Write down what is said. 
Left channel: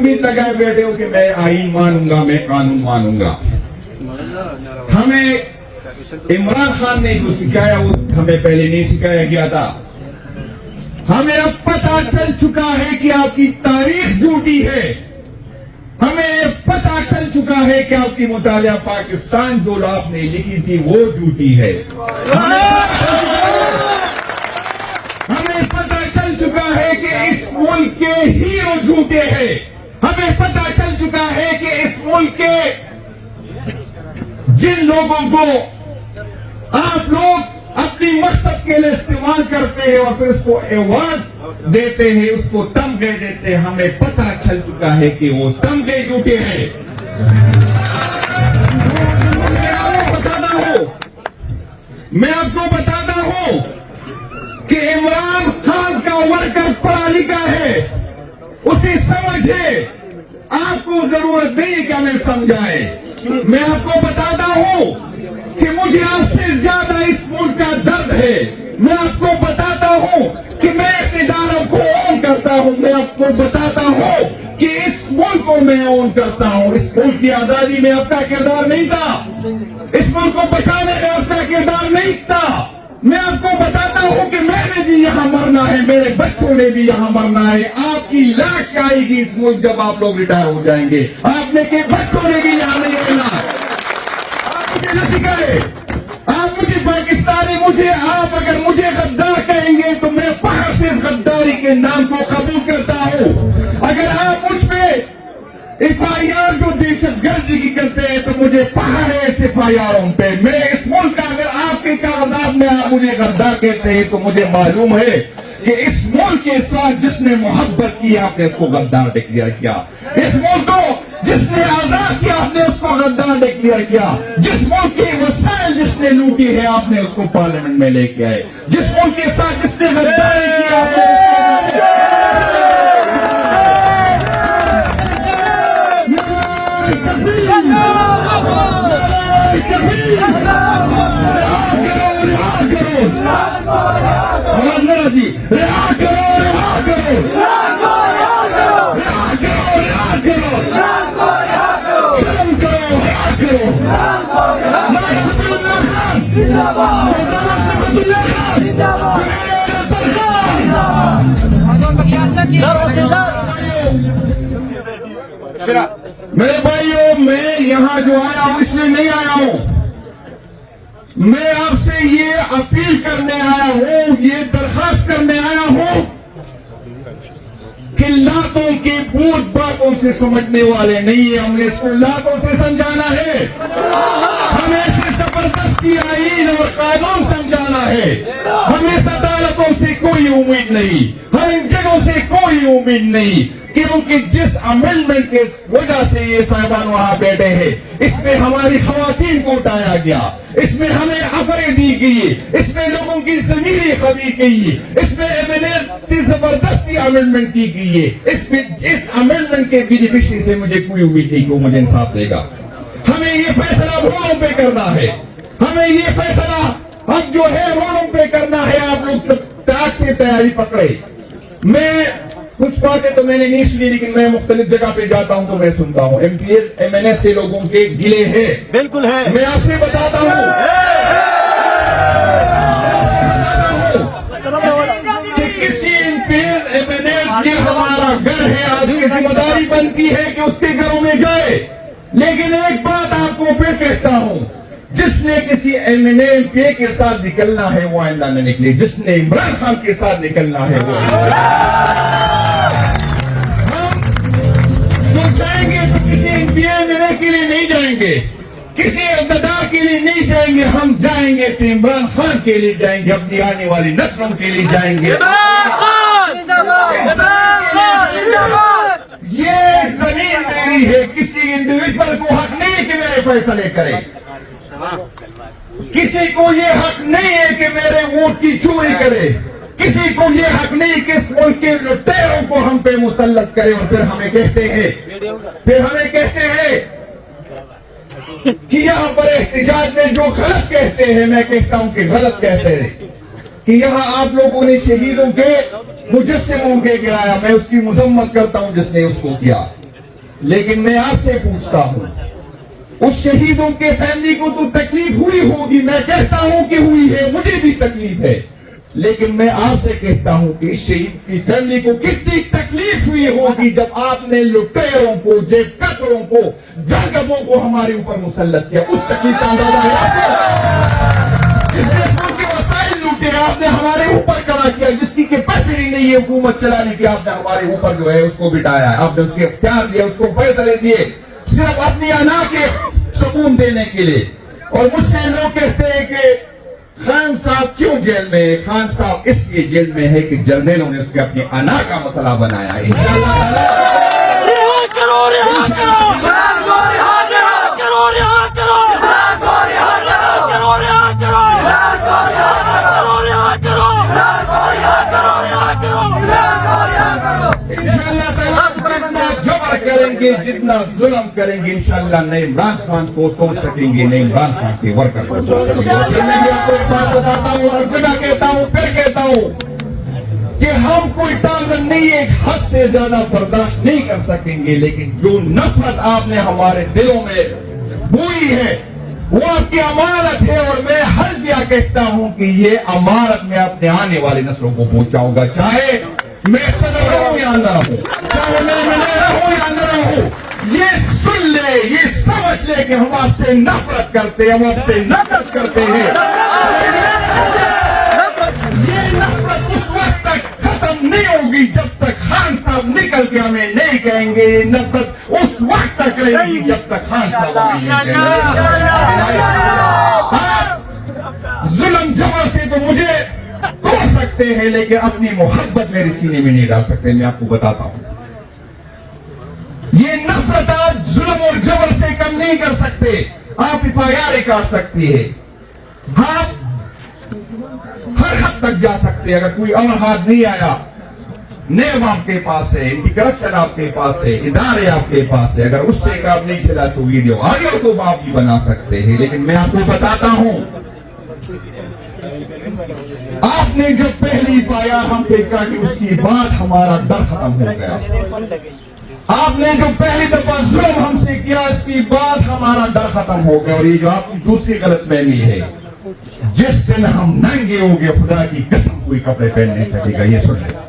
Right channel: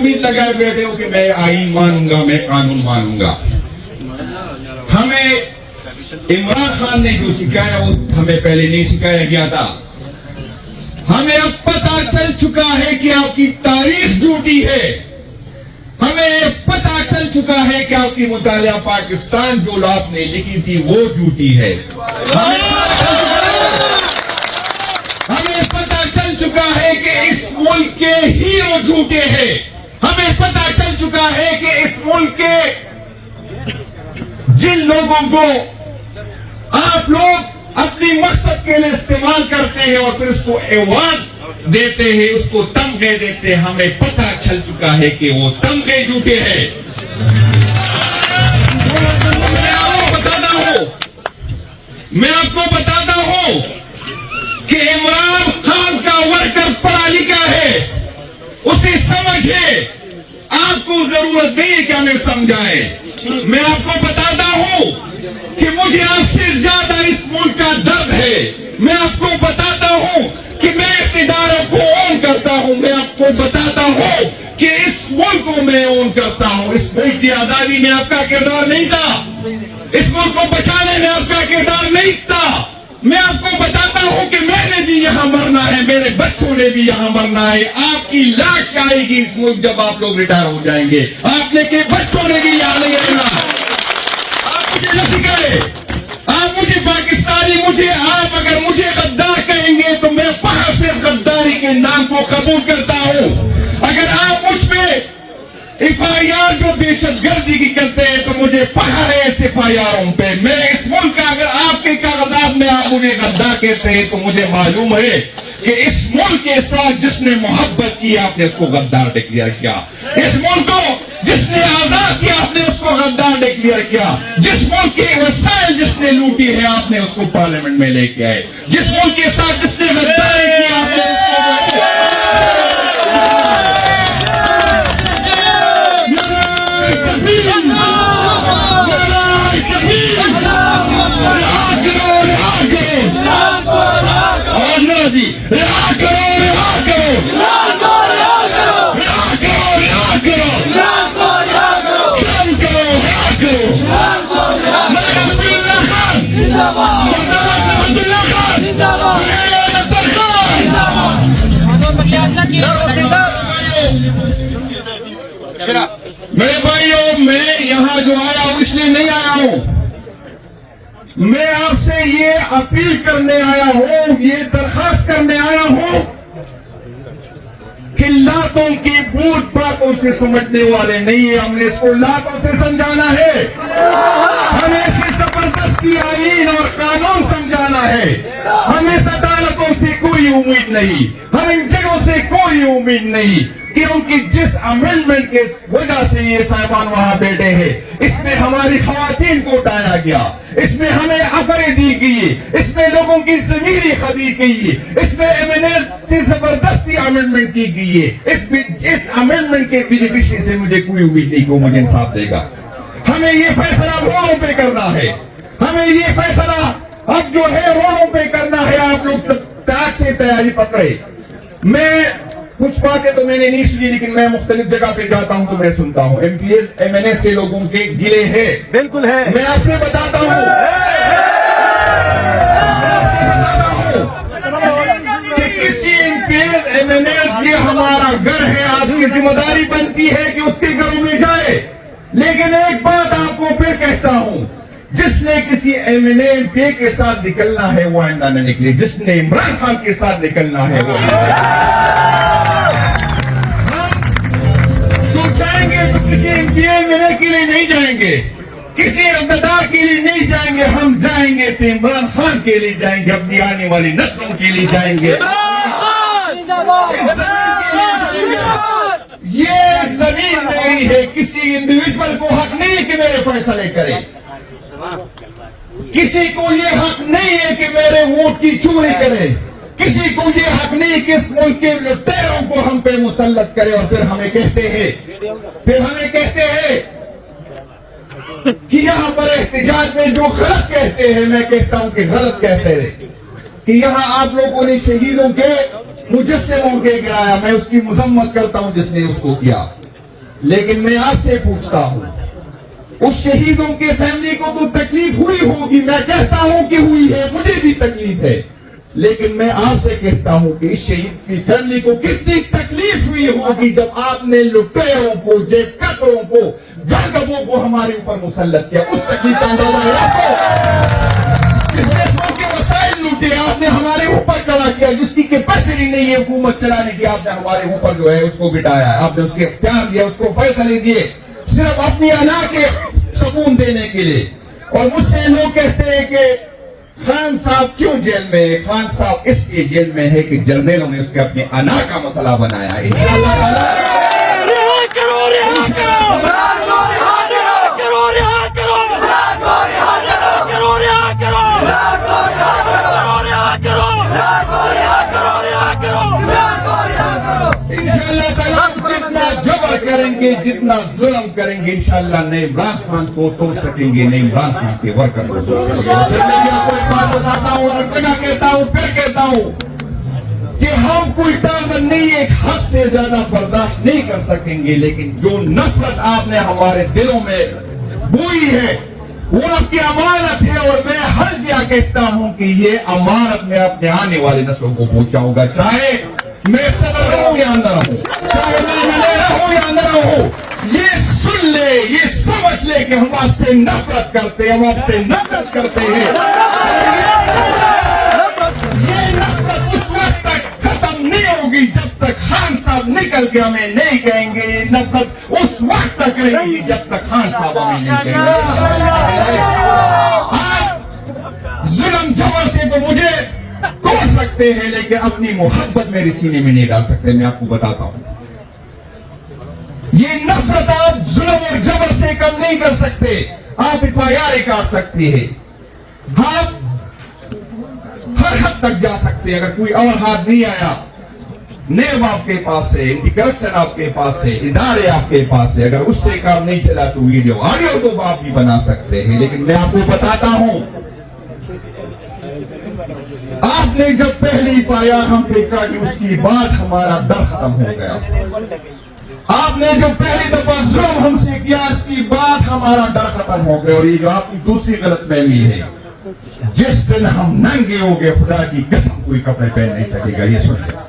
امید لگائے بیٹھے ہو کہ میں آئین مانوں گا، میں قانون مانوں گا. ہمیں عمران خان نے جو سکھایا وہ ہمیں پہلے نہیں سکھایا گیا تھا. ہمیں اب پتہ چل چکا ہے کہ آپ کی تاریخ جھوٹی ہے. ہمیں پتہ چل چکا ہے کہ آپ کی مطالعہ پاکستان جو آپ نے لکھی تھی وہ جھوٹی ہے. ہمیں پتہ چل چکا ہے کہ اس ملک کے ہیرو جھوٹے ہیں. ہمیں پتہ چل چکا ہے کہ اس ملک کے جن لوگوں کو آپ لوگ اپنی مقصد کے لیے استعمال کرتے ہیں اور پھر اس کو ایوارڈ دیتے ہیں، اس کو تمغے دیتے ہیں، ہمیں پتہ چل چکا ہے کہ وہ تمغے جھوٹے ہیں. میں آپ کو بتاتا ہوں کہ عمران خان کا ورکر پڑھا لکھا ہے، اسے سمجھ ہے. آپ کو ضرورت نہیں کہ ہمیں سمجھائے. میں آپ کو بتاتا ہوں کہ مجھے آپ سے زیادہ اس ملک کا درد ہے. میں آپ کو بتاتا ہوں کہ میں اس ادارے کو اون کرتا ہوں. میں آپ کو بتاتا ہوں کہ اس ملک کو میں اون کرتا ہوں. اس ملک کی آزادی میں آپ کا کردار نہیں تھا، اس ملک کو بچانے میں آپ کا کردار نہیں تھا. میں آپ کو بتاتا ہوں کہ میں نے بھی یہاں مرنا ہے، میرے بچوں نے بھی یہاں مرنا ہے. آپ کی لاش آئے گی اس ملک جب آپ لوگ ریٹائر ہو جائیں گے. آپ نے کہ بچوں نے بھی یہاں نہیں رہنا. آپ مجھے نہ سکھائے، آپ مجھے پاکستانی، آپ اگر مجھے غدار کہیں گے تو میں باہر سے غداری کے نام کو قبول کرتا ہوں. اگر آپ مجھ پہ ایف آئی آر جو دہشت گردی کی کرتے ہیں تو مجھے پہاڑ ہے اس ایف آئی آر پہ. میں اس ملک کا اگر آپ کے کاغذات میں آپ مجھے غدار کہتے ہیں تو مجھے معلوم ہے کہ اس ملک کے ساتھ جس نے محبت کی آپ نے اس کو غدار ڈکلیئر کیا. اس ملک کو جس نے آزاد کیا آپ نے اس کو غدار ڈکلیئر کیا. جس ملک کے وسائل جس نے لوٹی ہے آپ نے اس کو پارلیمنٹ میں لے کے آئے. جس ملک کے ساتھ جس نے غداری کی آپ نے اس کو میرے بھائیوں، میں یہاں جو آیا ہوں اس لیے نہیں آیا ہوں. میں آپ سے یہ اپیل کرنے آیا ہوں، یہ درخواست کرنے آیا ہوں کہ لاتوں کی بھوت باتوں سے سمجھنے والے نہیں ہیں. ہم نے اس کو لاتوں سے سمجھانا ہے. ہمیں اسے زبردستی آئین اور قانون سمجھانا ہے. ہمیں اس عدالتوں سے کوئی امید نہیں، ہمیں ان جگہوں سے کوئی امید نہیں، کیونکہ جس امینڈمنٹ کے وجہ سے یہ صاحبان وہاں بیٹھے ہیں اس میں ہماری خواتین کو اٹھایا گیا، اس میں ہمیں افرے دی گئی، اس میں لوگوں کی ضمیری خدی گئی، اس میں ایویڈنس سے زبردستی امینڈمنٹ کی گئی ہے. اس امینڈمنٹ کے بینیفیشری سے مجھے کوئی امید نہیں کہ وہ مجھے انصاف دے گا. ہمیں یہ فیصلہ روڈوں پہ کرنا ہے. ہمیں یہ فیصلہ اب جو ہے روڈوں پہ کرنا ہے. آپ لوگ تاج سے تیاری پکڑے. میں کچھ باتیں تو میں نے نہیں سنی، لیکن میں مختلف جگہ پہ جاتا ہوں تو میں سنتا ہوں M P S M N A سے لوگوں کے گلے ہیں. بالکل ہے. میں آپ سے بتاتا ہوں کہ کسی M P S M N A یہ ہمارا گھر ہے، آپ کی ذمہ داری بنتی ہے کہ اس کے گھروں میں جائے. لیکن ایک بات آپ کو پھر کہتا ہوں، جس نے کسی ایم این اے کے ساتھ نکلنا ہے وہ آئندہ نہ نکلے. جس نے عمران خان کے ساتھ نکلنا ہے وہ جائیں گے تو کسی ایم پی اے کے لیے نہیں جائیں گے، کسی اقتدار کے لیے نہیں جائیں گے. ہم جائیں گے تو عمران خان کے لیے جائیں گے، اپنی آنے والی نسلوں کے لیے جائیں گے. یہ زمین میری ہے، کسی انڈیویجول کو حق نہیں کہ میرے فیصلے کرے. کسی کو یہ حق نہیں ہے کہ میرے ووٹ کی چوری کرے. کسی کو یہ حق نہیں کہ اس ملک کے لٹیروں کو ہم پہ مسلط کرے اور پھر ہمیں کہتے ہیں کہ یہاں پر احتجاج میں جو غلط کہتے ہیں، میں کہتا ہوں کہ غلط کہتے ہیں کہ یہاں آپ لوگوں نے شہیدوں کے مجسموں کے گرایا. میں اس کی مذمت کرتا ہوں جس نے اس کو کیا. لیکن میں آپ سے پوچھتا ہوں, اس شہیدوں کے فیملی کو تو تکلیف ہوئی ہوگی, میں کہتا ہوں کہ ہوئی ہے, مجھے بھی تکلیف ہے, لیکن میں آپ سے کہتا ہوں کہ اس شہید کی فیملی کو کتنی تکلیف ہوئی ہوگی جب آپ نے لٹیروں کو, جیب کتروں کو, گاگبوں کو ہمارے اوپر مسلط کیا. اس تکلیف کا اندازہ ہے آپ کو؟ جس قسم کے وسائل لوٹے آپ نے ہمارے اوپر کھڑا کیا, جس کی کیپیسٹی نہیں ہے حکومت چلانے کی, آپ نے ہمارے اوپر جو ہے اس کو بٹایا, آپ نے اس کے اختیار دیا, اس کو فیصلے دیے صرف اپنی انا کے سکون دینے کے لیے. اور مجھ سے لوگ کہتے ہیں کہ خان صاحب کیوں جیل میں ہے؟ خان صاحب اس لیے جیل میں ہے کہ جرنیلوں نے اس کے اپنے انا کا مسئلہ بنایا ہے. جبر کریں گے, جتنا ظلم کریں گے, انشاءاللہ نئے عمران خان کو توڑ سکیں گے, نئے عمران خان کے ورکر کو توڑ سکیں گے. پھر میں آپ کو ایک بات بتاتا ہوں, ہر جگہ کہتا ہوں, پھر کہتا ہوں کہ ہم کوئی ٹارزن نہیں, ایک حد سے زیادہ برداشت نہیں کر سکیں گے, لیکن جو نفرت آپ نے ہمارے دلوں میں بوئی ہے وہ آپ کی امانت ہے, اور میں حلفیہ کہتا ہوں کہ یہ امانت میں اپنے آنے والے نسلوں کو پہنچاؤں گا, چاہے میں صدر رہوں یا اندر ہوں, چاہے میں منیرا ہوں یا اندر ہوں. یہ سن لے, یہ سمجھ لے کہ ہم آپ سے نفرت کرتے ہیں, ہم آپ سے نفرت کرتے ہیں. یہ نفرت اس وقت تک ختم نہیں ہوگی جب تک خان صاحب نکل کے ہمیں نہیں کہیں گے. نفرت اس وقت تک رہے گی جب تک خان صاحب ہمیں نہیں کہیں گے. آپ ظلم جبر سے تو مجھے توڑ سکتے ہیں, لیکن اپنی محبت میرے سینے میں نہیں ڈال سکتے. میں آپ کو بتاتا ہوں, یہ نفرت آپ ظلم اور جبر سے کم نہیں کر سکتے. آپ FIR کاٹ سکتی ہے, آپ ہر حد تک جا سکتے. اگر کوئی اور ہاتھ نہیں آیا, نیب آپ کے پاس ہے, اینٹی کرپشن آپ کے پاس ہے, ادارے آپ کے پاس ہے, اگر اس سے کام نہیں چلا تو ویڈیو آڈیو تو آپ بھی بنا سکتے ہیں. لیکن میں آپ کو بتاتا ہوں, آپ نے جب پہلی FIR ہم پہ کاٹی, اس کی بعد ہمارا ڈر ختم ہو گیا. آپ نے جو پہلی دفعہ ظلم ہم سے کیا, اس کی بعد ہمارا ڈر ختم ہو گیا. اور یہ جو آپ کی دوسری غلط فہمی ہے, جس دن ہم ننگے ہو گئے, خدا کی قسم کوئی کپڑے پہن نہیں سکے گا. یہ سن لیں.